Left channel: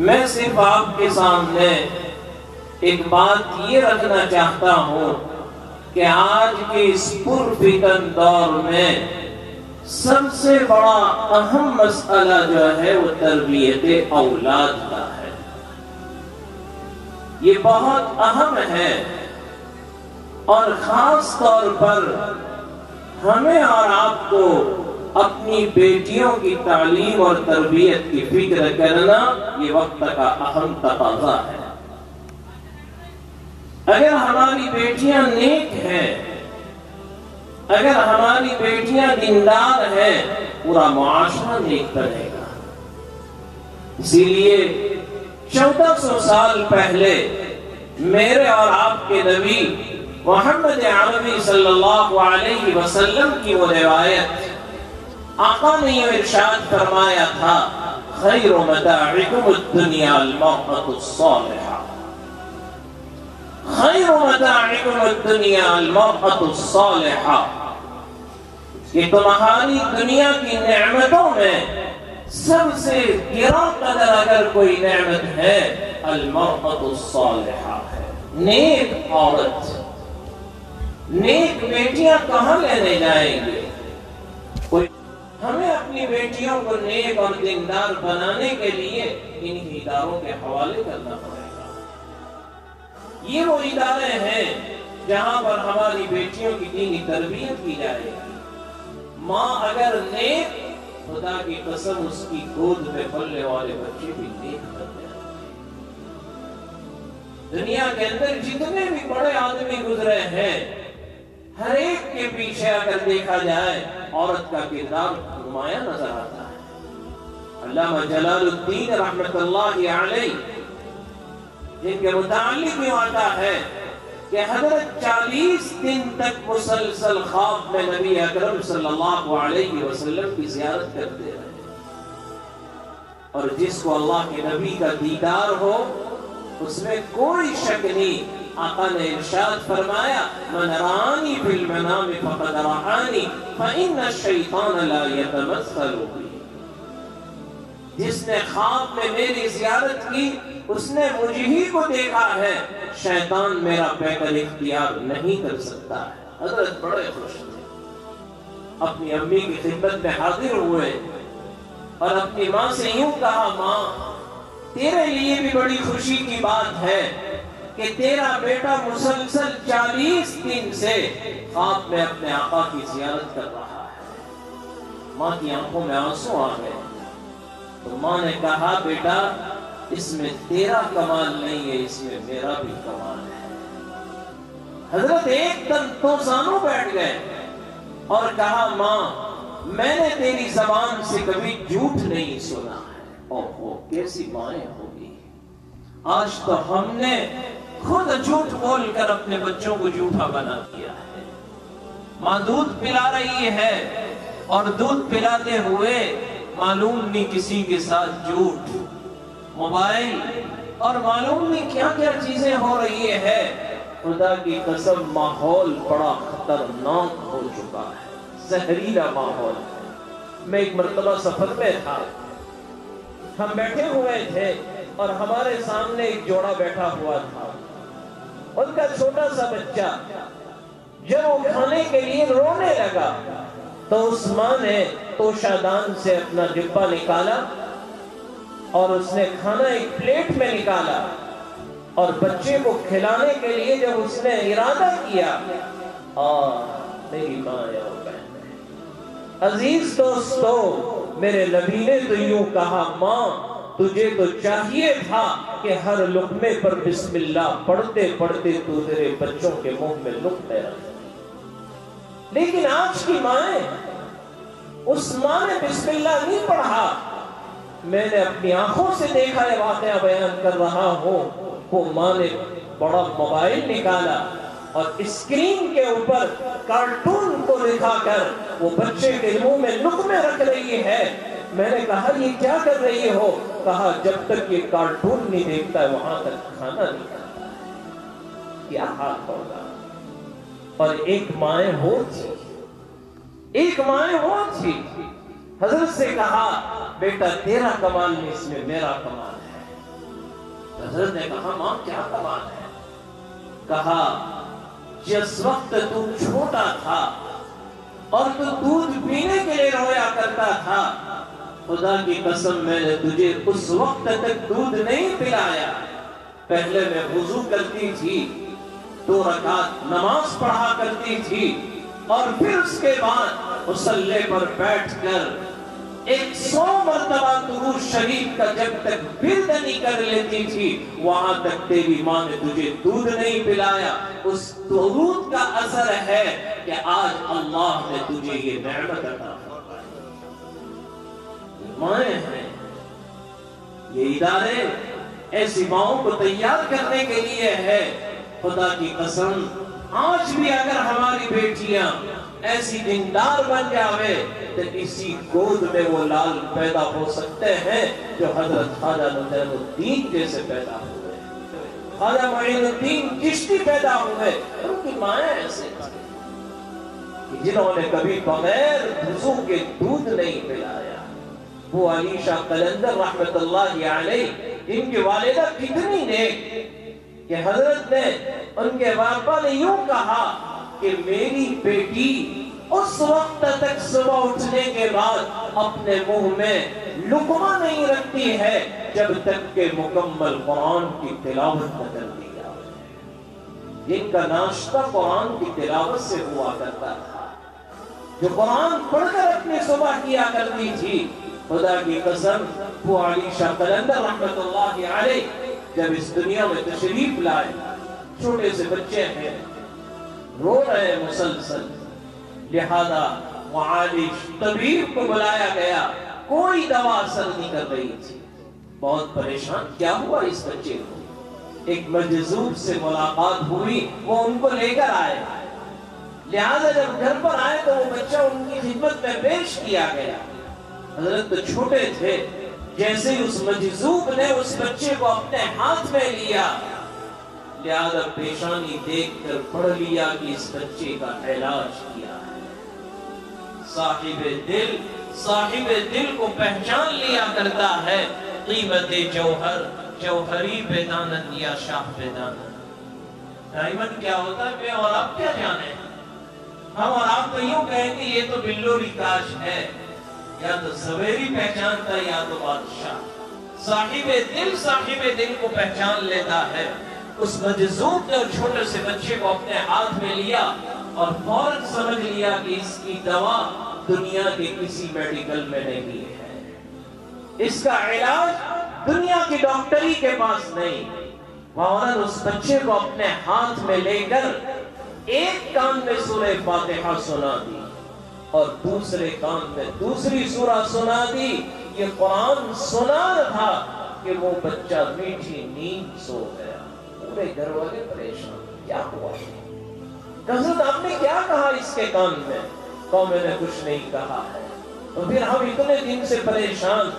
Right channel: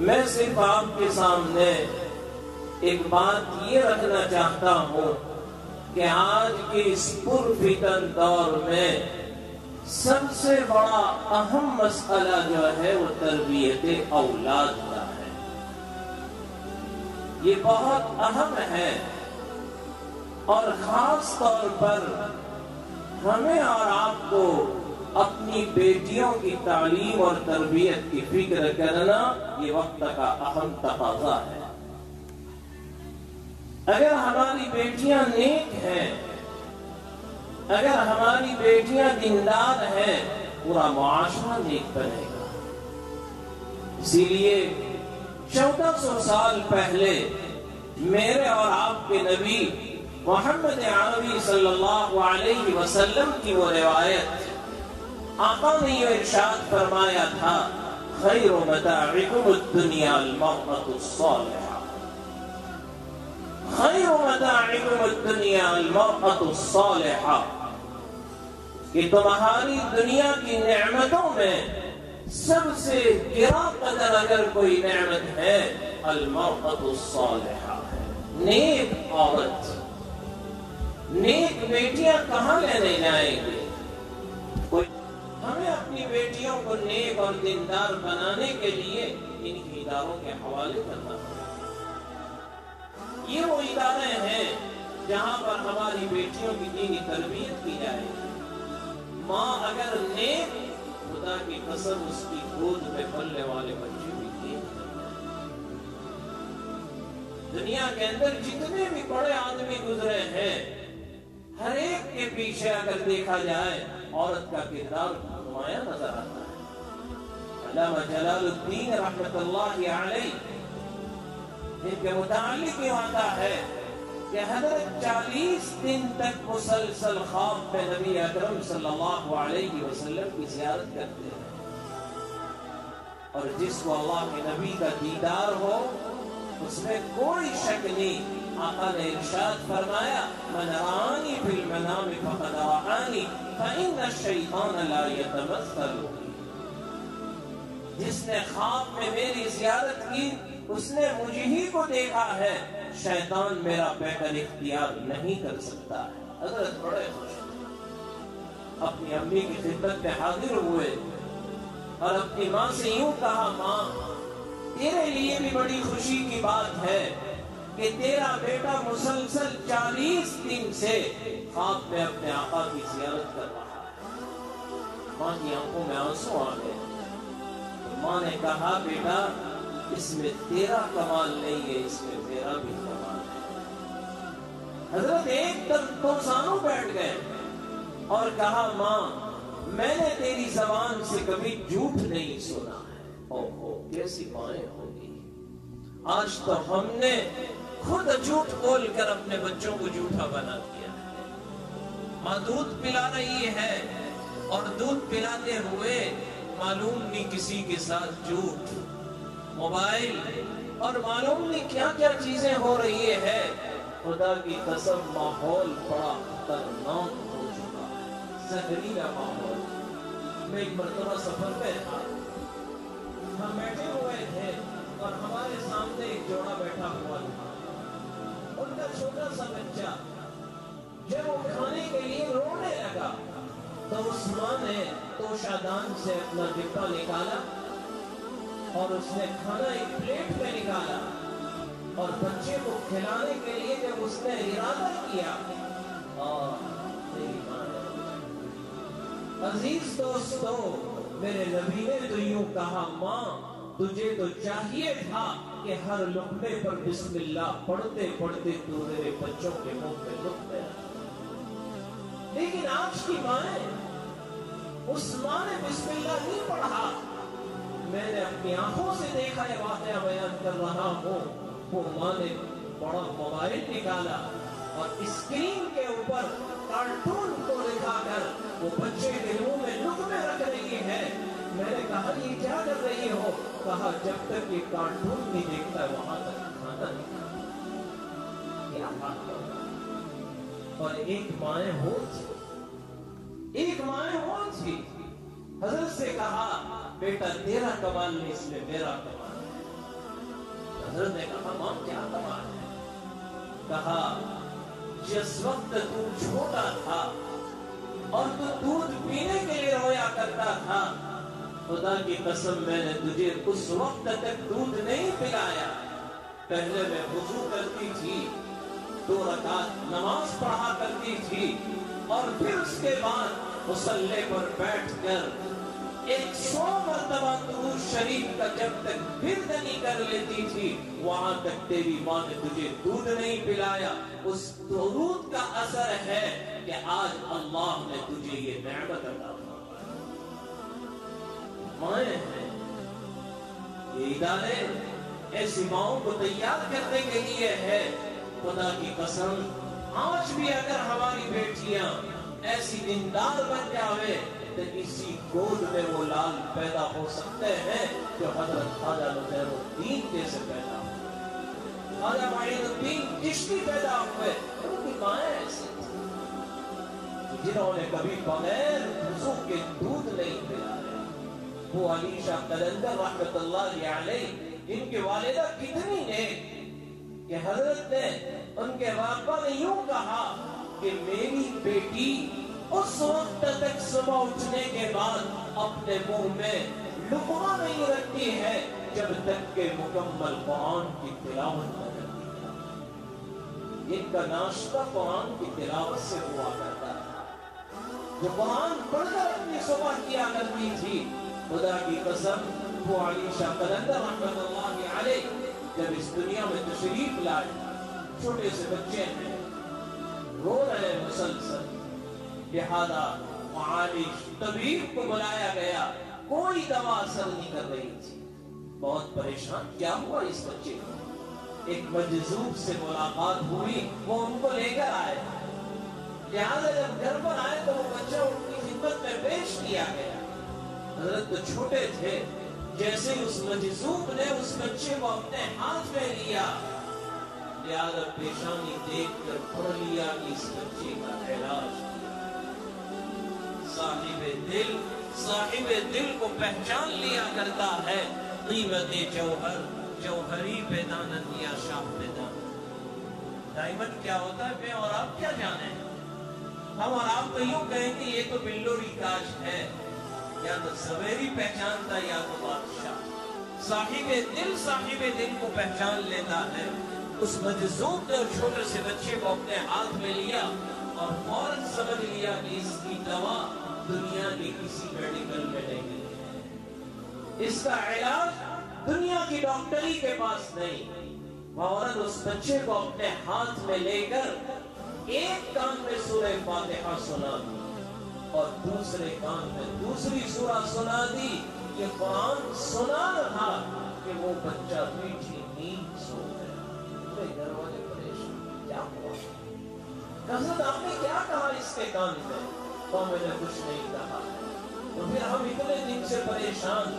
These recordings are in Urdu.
میں صرف آپ کے سامنے ایک بات یہ رکھنا چاہتا ہوں کہ آج کے اس پرفتن دور میں سب سے بڑا اہم مسئلہ جو ہے وہ تربیت اولاد کا ہے۔ یہ بہت اہم ہے اور خاص طور پر ہمیں اور آپ کو اپنی بیٹیوں کی تعلیم اور تربیت کی فکر کرنا یہ وقت کا اہم تقاضا ہے۔ اگر ہماری بیٹیاں نیک ہیں، اگر ہماری بیٹیاں دیندار ہیں، پورا معاشرہ نیک بنے گا۔ اسی لیے 1400 سال پہلے میرے اور آپ کے نبی محمد عربی صلی اللہ علیہ وسلم کی وہ روایت، آقا نے یہ ارشاد فرمایا تھا، خیر متاعکم الدنیا المرأة الصالحہ، خیر متاعکم الدنیا المرأة الصالحہ، کہ تمہاری دنیا کی نعمتوں میں سب سے گراں قدر اگر کوئی نعمت ہے المرأة الصالحہ ہے، نیک عورت۔ نیک بیٹیاں کہاں لینے جائیں گے؟ ہمیں اپنی بیٹیوں کو نیک اور دیندار بنانے کے لیے انہی اداروں کے حوالے کرنا پڑے گا۔ یہ وہ ادارے ہیں جہاں پر ہماری بیٹیوں کی دینی تربیت کی جائے گی۔ ماں اگر نیک، خدا کی قسم اس کی گود میں پلنے والے بچے بھی نیک بن جائیں گے۔ دنیا کے اندر جتنے بھی بڑے آدمی گزرے ہیں، ہر ایک کے پیچھے اگر دیکھا جائے عورت کا کردار نمایاں نظر آتا ہے۔ علامہ جلال الدین رحمت اللہ علیہ جن کے متعلق یہ آتا ہے کہ حضرت 40 دن تک مسلسل خواب میں نبی اکرم صلی اللہ علیہ وسلم کی زیارت کرتے رہے، اور جس کو اللہ کے نبی کا دیدار ہو اس میں کوئی شک نہیں۔ آقا نے ارشاد فرمایا، من رآنی فی المنام فقد رآنی فإن الشیطان لا یتمثل بی، جس نے خواب میں میری زیارت کی اس نے مجھے ہی کو دیکھا ہے، شیطان میرا پیکر اختیار نہیں کر سکتا ہے۔ حضرت بڑے خوش تھے، اپنی امی کی خدمت میں حاضر ہوئے اور اپنی ماں سے یوں کہا، ماں تیرے لیے بھی بڑی خوشی کی بات ہے کہ تیرا بیٹا مسلسل 40 دن سے خواب میں اپنے آقا کی زیارت کر رہا ہے۔ ماں کی آنکھوں میں آنسو آ گئے تو ماں نے کہا، بیٹا اس میں تیرا کمال نہیں ہے، اس میں میرا بھی کمال ہے۔ حضرت ایک دم تو زانوں بیٹھ گئے اور کہا، ماں میں نے تیری زبان سے کبھی جھوٹ نہیں سنا ہے۔ اوہ کیسی مائیں ہوگی، آج تو ہم نے خود جھوٹ بول کر اپنے بچوں کو جھوٹا بنا دیا ہے۔ ماں دودھ پلا رہی ہے اور دودھ پلاتے ہوئے معلوم نہیں کسی کے ساتھ جھوٹ، موبائل اور معلوم نہیں کیا کیا چیزیں ہو رہی ہے۔ خدا کی قسم ماحول بڑا خطرناک ہو چکا ہے، زہریلا ماحول۔ میں ایک مرتبہ سفر میں تھا، ہم بیٹھے ہوئے تھے اور ہمارے سامنے ایک جوڑا بیٹھا ہوا تھا، ان کا چھوٹا سا بچہ جب وہ کھانے کے لیے رونے لگا تو اس ماں نے توشہ دان سے اپنا ڈبہ نکالا اور اس نے کھانا ایک پلیٹ میں نکالا اور بچے کو کھلانے کے لیے جب اس نے ارادہ کیا، میری ماں ہے۔ عزیز دوستو، میرے نبی نے تو یوں کہا، ماں تجھے تو چاہیے تھا کہ ہر لقمے پر بسم اللہ پڑھتے پڑھتے تو تیرے بچوں کے منہ میں لقمے رکھ، لیکن آج کی مائیں، اس ماں نے بسم اللہ نہیں پڑھا۔ میں نے اپنی آنکھوں سے دیکھا ہے، واقعہ بیان کر رہا ہوں، وہ ماں نے بڑا موبائل نکالا اور اسکرین کے اوپر کارٹون کو دکھا کر وہ بچے کے منہ میں لقمے رکھ رہی ہے۔ میں نے کہا، یہ کیا کر رہی ہو؟ کہا، جب تک یہ کارٹون نہیں دیکھتا ہے وہاں تک کھانا نہیں کھاتا ہے۔ کیا حال ہوگا؟ اور ایک مائیں ہو تھی، ایک مائیں ہو تھی، حضرت سے کہا، بیٹا تیرا کمال نہیں، اس میں میرا کمال ہے۔ حضرت نے کہا ماں کیا سوال ہے؟ کہا جس وقت تو چھوٹا تھا اور تو دودھ پینے کے لیے رویا کرتا تھا، خدا کی قسم میں نے تجھے اس وقت تک دودھ نہیں پلایا۔ پہلے میں وضو کرتی تھی، 2 رکعت نماز پڑھا کرتی تھی، اور پھر اس کے بعد مصلی پر بیٹھ کر 100 مرتبہ درود شریف کا جب تک ورد نہیں کر لیتی تھی، وہاں تک تیری ماں نے تجھے دودھ نہیں پلایا۔ اس درود کا اثر ہے کہ آج اللہ نے تجھے یہ نعمت عطا فرمائی۔ مائیں ہیں یہ ادارے ایسی ماؤں کو تیار کرنے کے لیے ہے۔ خدا کی قسم آج بھی اگر ہماری بیٹیاں ایسی دیندار بن جاوے تو اسی گود میں وہ لال پیدا ہو سکتے ہیں جو حضرت خواجہ نصیر الدین جیسے پیدا ہوئے، خواجہ معین الدین چشتی پیدا ہوئے۔ ان کی مائیں ایسے تھی جنہوں نے کبھی بغیر وضو کے دودھ نہیں پلایا۔ وہ علی شاہ قلندر رحمت اللہ علیہ، ان کی والدہ کتنی نیک کہ حضرت نے ان کے باپا نے یوں کہا کہ میری بیٹی اس وقت تک صبح اٹھنے کے بعد اپنے منہ میں لقمہ نہیں رکھتی ہے جب تک کہ مکمل قرآن کی تلاوت نہ کر دی جائے۔ جن کا ناشتہ قرآن کی تلاوت سے ہوا کرتا تھا، جو قرآن پڑھ کر اپنی صبح کیا کرتی تھی، خدا کی قسم وہ علی شاہ قلندر رحمت اللہ علیہ جب اس دنیا میں تشریف لائے، چھوٹے سے بچے ہیں، رو رہے مسلسل، لہذا معالج طبیب کو بلایا گیا، کوئی دوا اثر نہیں کر رہی تھی۔ بہت پریشان، کیا ہوا اس بچے کو؟ ایک مجذوب سے ملاقات ہوئی، وہ ان کو لے کر آئے، لہذا جب گھر پر آئے تو وہ بچہ ان کی خدمت میں پیش کیا گیا۔ حضرت تو چھوٹے تھے، جیسے اس مجذوب نے اس بچے کو اپنے ہاتھ میں لیا، لہذا پیشانی دیکھ کر پڑھ لیا کہ اس بچے کا علاج کیا ہے۔ صاحب دل کو پہچان لیا کرتا ہے، قیمت جوہر جوہری پہ دانت یا شاہ پہ دانت۔ ڈائمنڈ کیا ہوتا ہے میں اور آپ کیا جانے، ہم اور آپ تو یوں کہیں کہ یہ تو بلوری تاج ہے، یا تو زبیری پہچانتا یا تو بادشاہ۔ صاحب دل کو پہچان لیتا ہے۔ اس مجذوب نے چھوٹے سے بچے کو اپنے ہاتھ میں لیا اور فوراً سمجھ لیا کہ اس کی دوا دنیا کے کسی میڈیکل میں نہیں ہے، اس کا علاج دنیا کی ڈاکٹری کے پاس نہیں۔ فوراً اس بچے کو اپنے ہاتھ میں لے کر ایک کان میں سورہ فاتحہ سنا دی اور دوسرے کان میں دوسری سورہ سنا دی۔ یہ قرآن سنا تھا کہ وہ بچہ میٹھی نیند سو گیا۔ پورے گھر والے پریشان، کیا ہوا؟ حضرت آپ نے کیا کہا اس کے کان میں؟ تو میں نے کچھ نہیں کہا ہے۔ تو پھر ہم اتنے دن سے پریشان،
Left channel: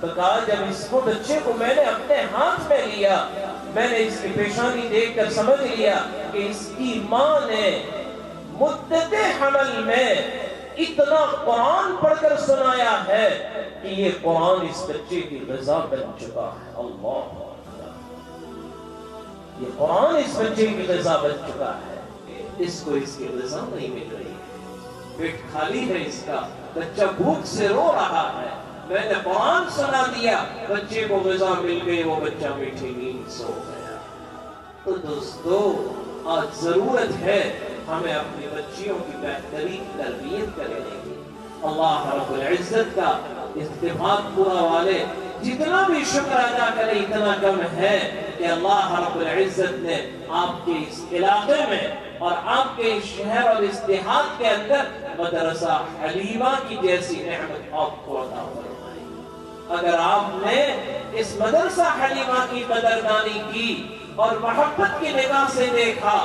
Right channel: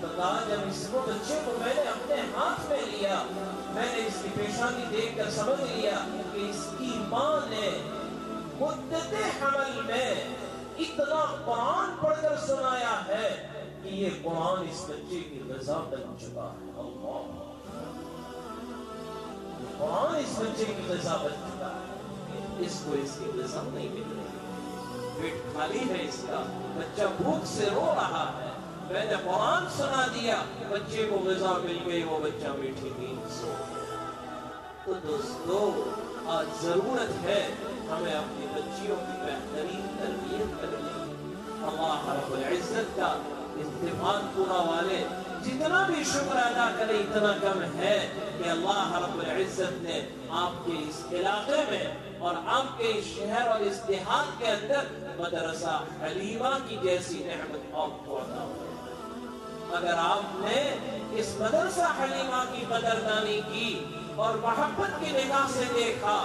بتا جب اس کو بچے کو میں نے اپنے ہاتھ میں لیا، میں نے اس کی پیشانی دیکھ کر سمجھ لیا کہ اس کی ماں نے مدت حمل میں اتنا قرآن پڑھ کر سنایا ہے کہ یہ قرآن اس بچے کی غذا بن چکا ہے۔ اللہ، یہ قرآن اس بچے کی غذا بن چکا ہے۔ اس کو اس کی غذا نہیں مل رہی ہے، پیٹ خالی ہے اس کا، بچہ بھوک سے رو رہا ہے، میں نے قرآن سنا دیا، بچے کو غذا مل گئی، وہ بچہ میٹھی نیند سو گیا۔ تو دوستو آج ضرورت ہے ہمیں اپنی بچیوں کی بہترین تربیت کرنے کی۔ اللہ رب العزت کا اتفاق پورا والے جتنا بھی شکر ادا کرے اتنا کم ہے کہ اللہ رب العزت نے آپ کے اس علاقے میں اور آپ کے اس شہر اور اس دیہات کے اندر مدرسہ حلیمہ کی جیسی نعمت آپ کو عطا فرمائی۔ اگر آپ نے اس مدرسہ حلیمہ کی قدردانی کی اور محبت کی نگاہ سے دیکھا،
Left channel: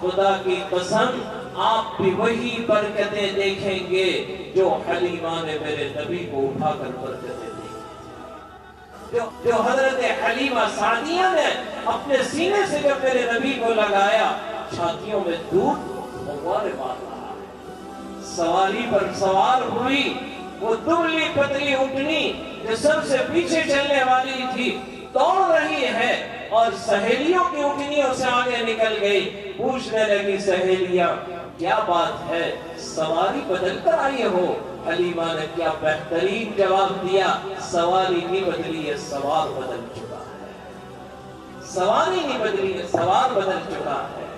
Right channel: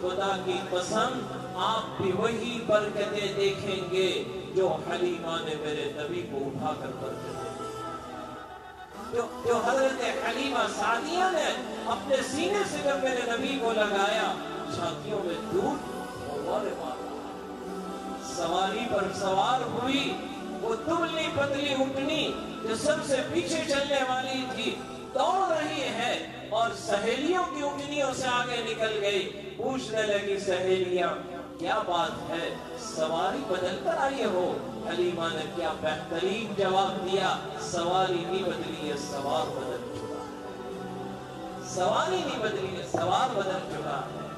خدا کی قسم آپ بھی وہی برکتیں دیکھیں گے جو حلیمہ نے میرے نبی کو اٹھا کر برکتیں دی، جو حضرت حلیمہ سعدیہ نے اپنے سینے سے جب میرے نبی کو لگایا، چھاتیوں میں دودھ غبارے مار رہا ہے۔ سواری پر سوار ہوئی، وہ دبلی پتلی اٹھنی جو سب سے پیچھے چلنے والی تھی، دوڑ رہی ہے، اور سہیلیوں کی انگلیوں سے آگے نکل گئی. پوچھنے لگی سہیلیاں کیا بات ہے, سواری بدل کر آئی ہو؟ حلیمہ نے کیا بہترین جواب دیا, سواری نہیں بدلی ہے, سوار بدل چکا ہے. سواری نہیں بدلی ہے, سوار بدل چکا ہے.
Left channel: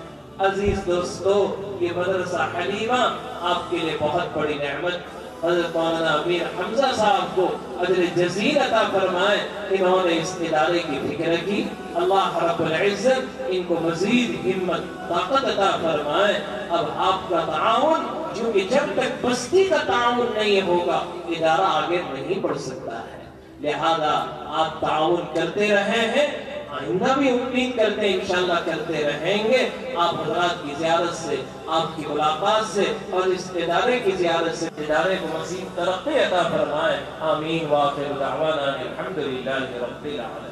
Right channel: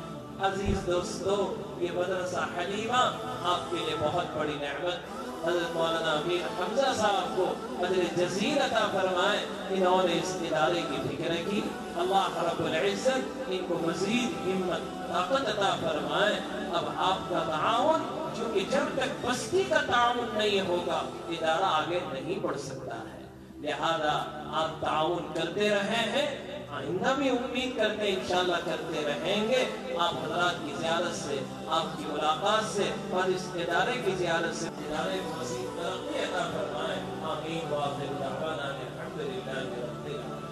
عزیز دوستو, یہ مدرسہ حلیمہ آپ کے لیے بہت بڑی نعمت. حضرت مولانا امیر حمزہ صاحب کو اجر جزیل عطا فرمائے, انہوں نے اس ادارے کی فکر کی. اللہ رب العزت ان کو مزید ہمت طاقت عطا فرمائے. اب آپ کا تعاون, کیونکہ جب تک بستی کا تعاون نہیں ہوگا ادارہ آگے نہیں بڑھ سکتا ہے, لہذا آپ تعاون کرتے رہے ہیں, آئندہ بھی امید کرتے ہیں انشاءاللہ کرتے رہیں گے. آپ حضرات کی زیارت سے, آپ کی ملاقات سے اور اس ادارے کی زیارت سے ادارے کو مزید ترقی عطا فرمائے. آمین. وآخر دعوانا الحمدللہ رب العالمین.